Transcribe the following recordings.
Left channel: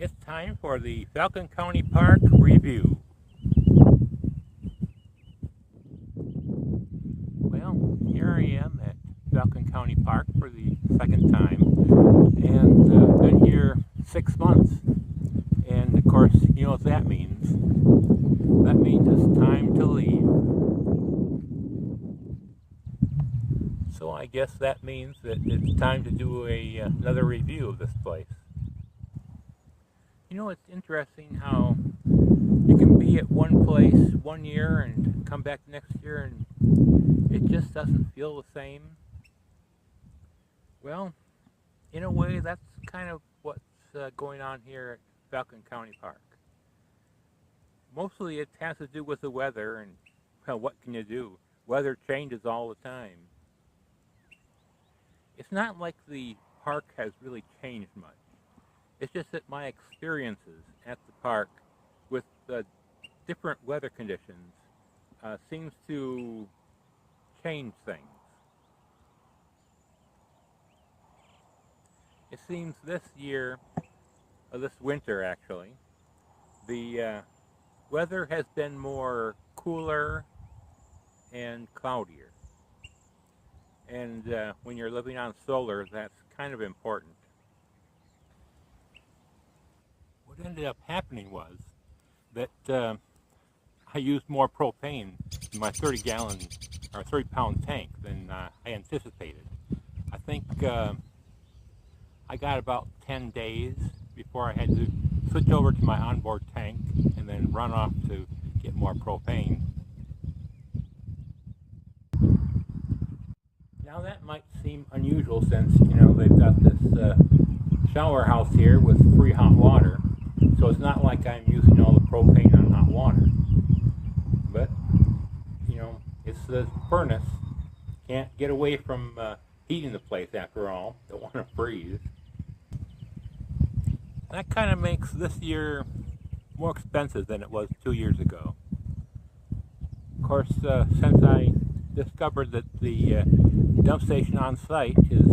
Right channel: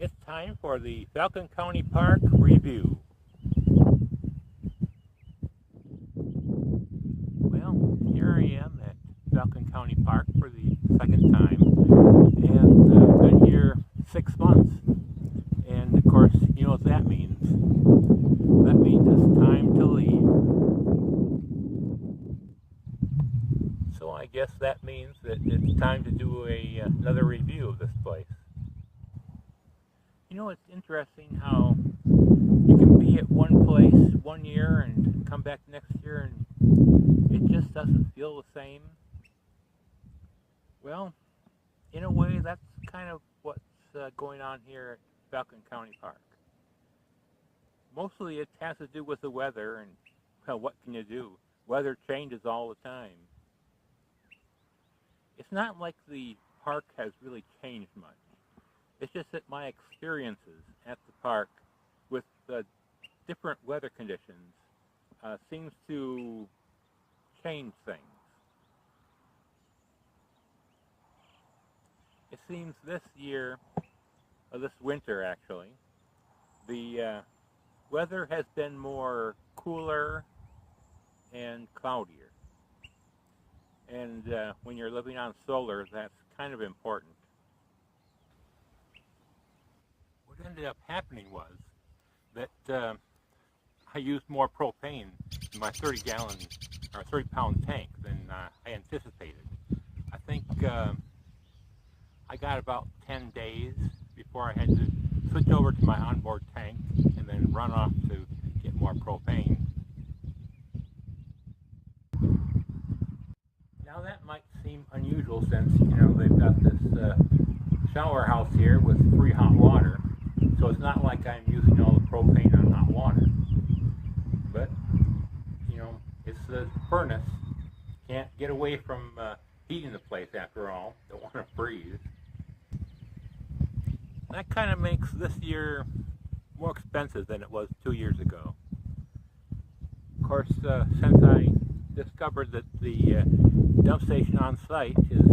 It's time for the Falcon County Park review. Well, here I am at Falcon County Park for the second time, and been here 6 months. And of course, you know what that means. That means it's time to leave. So I guess that means that it's time to do another review of this place. You know, it's interesting how you can be at one place 1 year and come back next year and it just doesn't feel the same. Well, in a way, that's kind of what's going on here at Falcon County Park. Mostly it has to do with the weather, and well, what can you do? Weather changes all the time. It's not like the park has really changed much. It's just that my experiences at the park with different weather conditions seems to change things. It seems this year, or this winter actually, the weather has been more cooler and cloudier. And when you're living on solar, that's kind of important. What ended up happening was that I used more propane in my 30-gallon or 30-pound tank than I anticipated. I think I got about 10 days before I had to switch over to my onboard tank and then run off to get more propane. Now that might seem unusual since, you know, they've got this shower house here with free hot water. So it's not like I'm using all the propane on hot water. But, you know, it's the furnace. Can't get away from heating the place after all. Don't want to freeze. That kind of makes this year more expensive than it was 2 years ago. Of course, since I discovered that the dump station on site is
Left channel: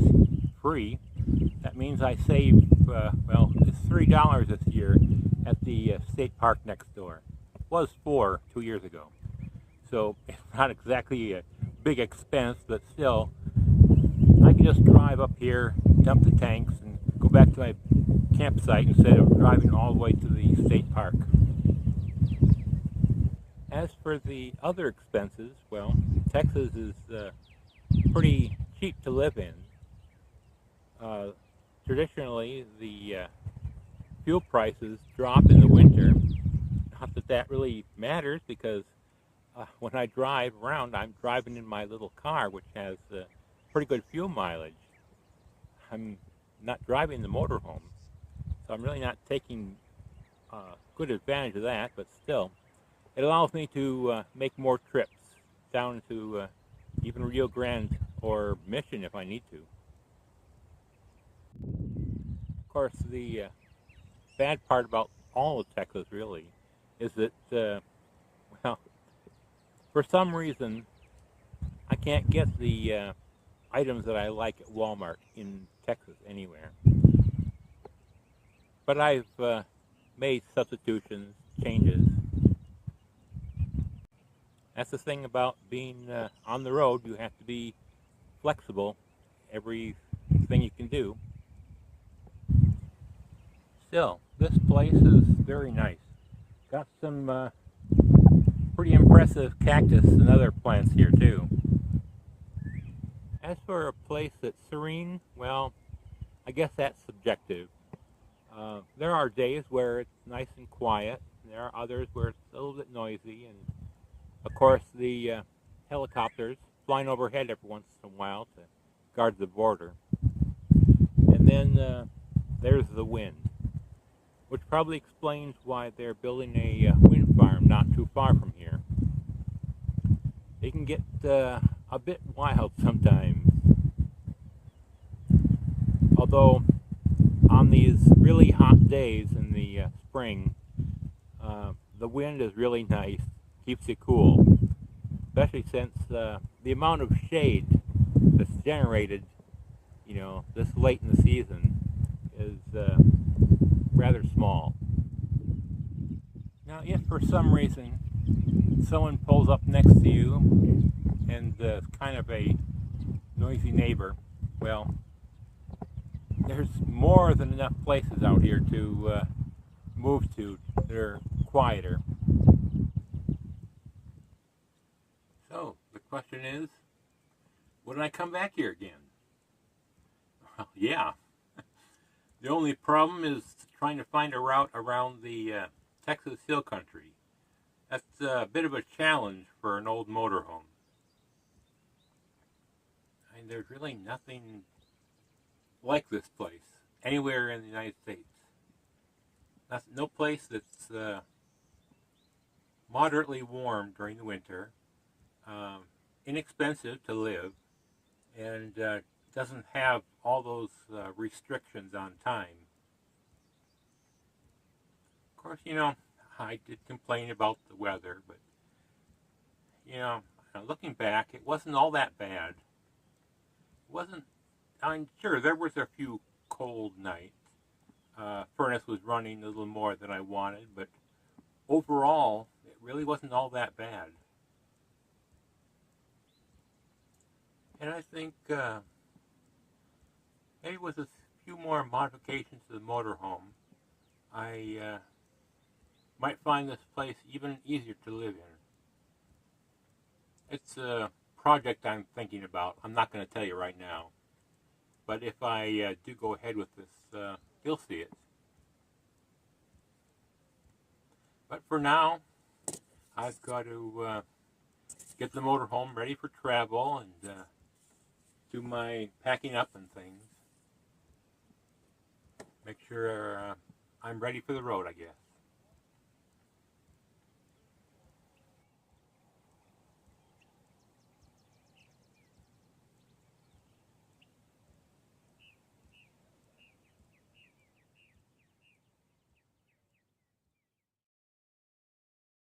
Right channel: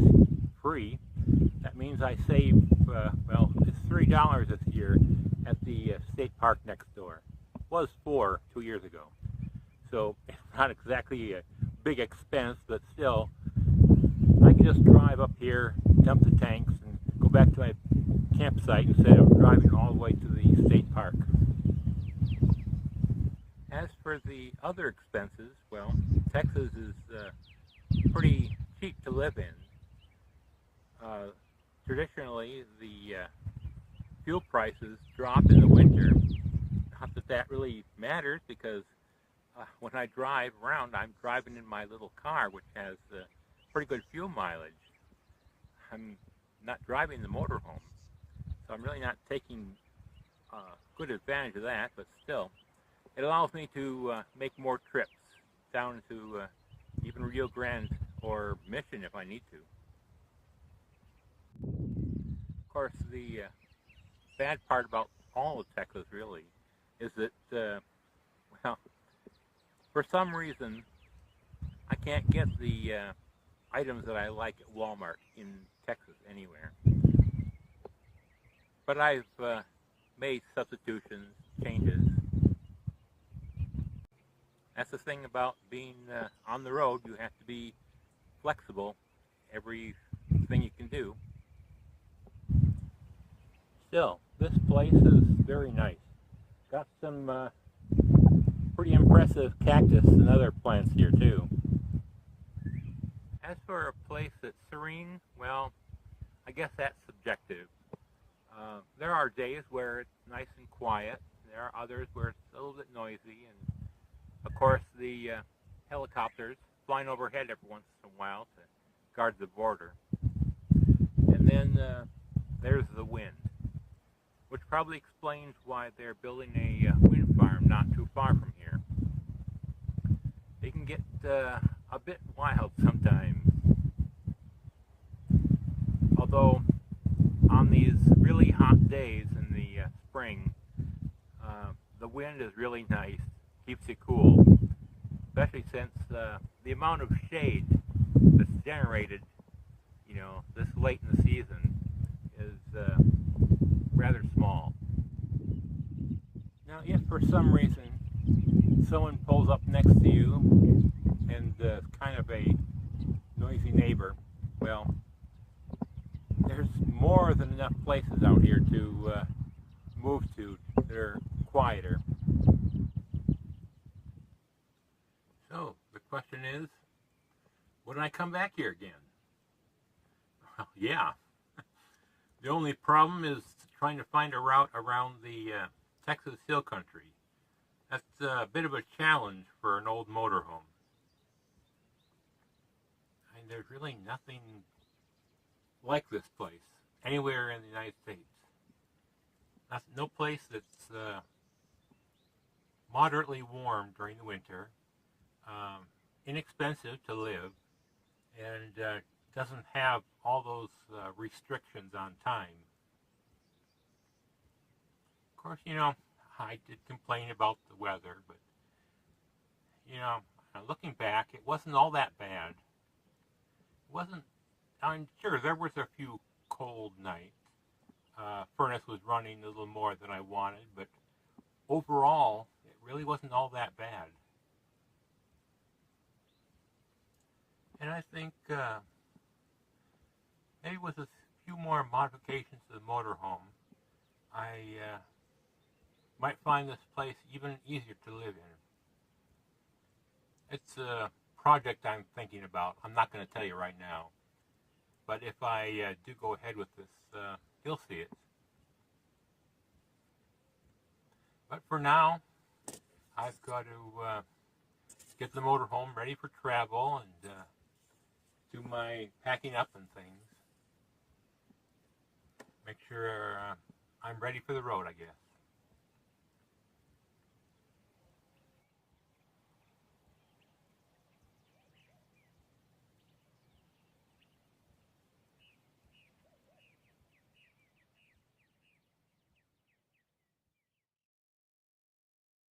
free, that means I save, well, it's $3 this year at the state park next door. It was $4 2 years ago. So it's not exactly a big expense, but still, I can just drive up here, dump the tanks, and go back to my campsite instead of driving all the way to the state park. As for the other expenses, well, Texas is pretty cheap to live in. Traditionally, the fuel prices drop in the winter. Not that that really matters, because when I drive around, I'm driving in my little car, which has pretty good fuel mileage. I'm not driving the motorhome, so I'm really not taking good advantage of that, but still, it allows me to make more trips down to even Rio Grande or Mission if I need to. Of course, the bad part about all of Texas really is that, well, for some reason, I can't get the items that I like at Walmart in Texas anywhere. But I've made substitutions, changes. That's the thing about being on the road. You have to be flexible, everything you can do. Still, this place is very nice. Got some pretty impressive cactus and other plants here too. As for a place that's serene, well, I guess that's subjective. There are days where it's nice and quiet. There are others where it's a little bit noisy, and of course the helicopters flying overhead every once in a while to guard the border. And then there's the wind, which probably explains why they're building a wind farm not too far from here. It can get a bit wild sometimes. Although on these really hot days in the spring, the wind is really nice, keeps you cool, especially since the amount of shade that's generated, you know, this late in the season is rather small. Now, if for some reason someone pulls up next to you and kind of a noisy neighbor, well, there's more than enough places out here to move to that are quieter. So, the question is, would I come back here again? Well, yeah. The only problem is trying to find a route around the Texas Hill Country. That's a bit of a challenge for an old motorhome. I mean, there's really nothing like this place anywhere in the United States. No place that's moderately warm during the winter, inexpensive to live, and doesn't have all those restrictions on time. Of course, you know, I did complain about the weather, but, you know, looking back, it wasn't all that bad. It wasn't, I'm sure there was a few cold nights. Furnace was running a little more than I wanted, but overall, it really wasn't all that bad. And I think maybe with a few more modifications to the motorhome, I might find this place even easier to live in. It's a project I'm thinking about. I'm not going to tell you right now. But if I do go ahead with this, you'll see it. But for now, I've got to get the motorhome ready for travel and do my packing up and things. Make sure I'm ready for the road, I guess.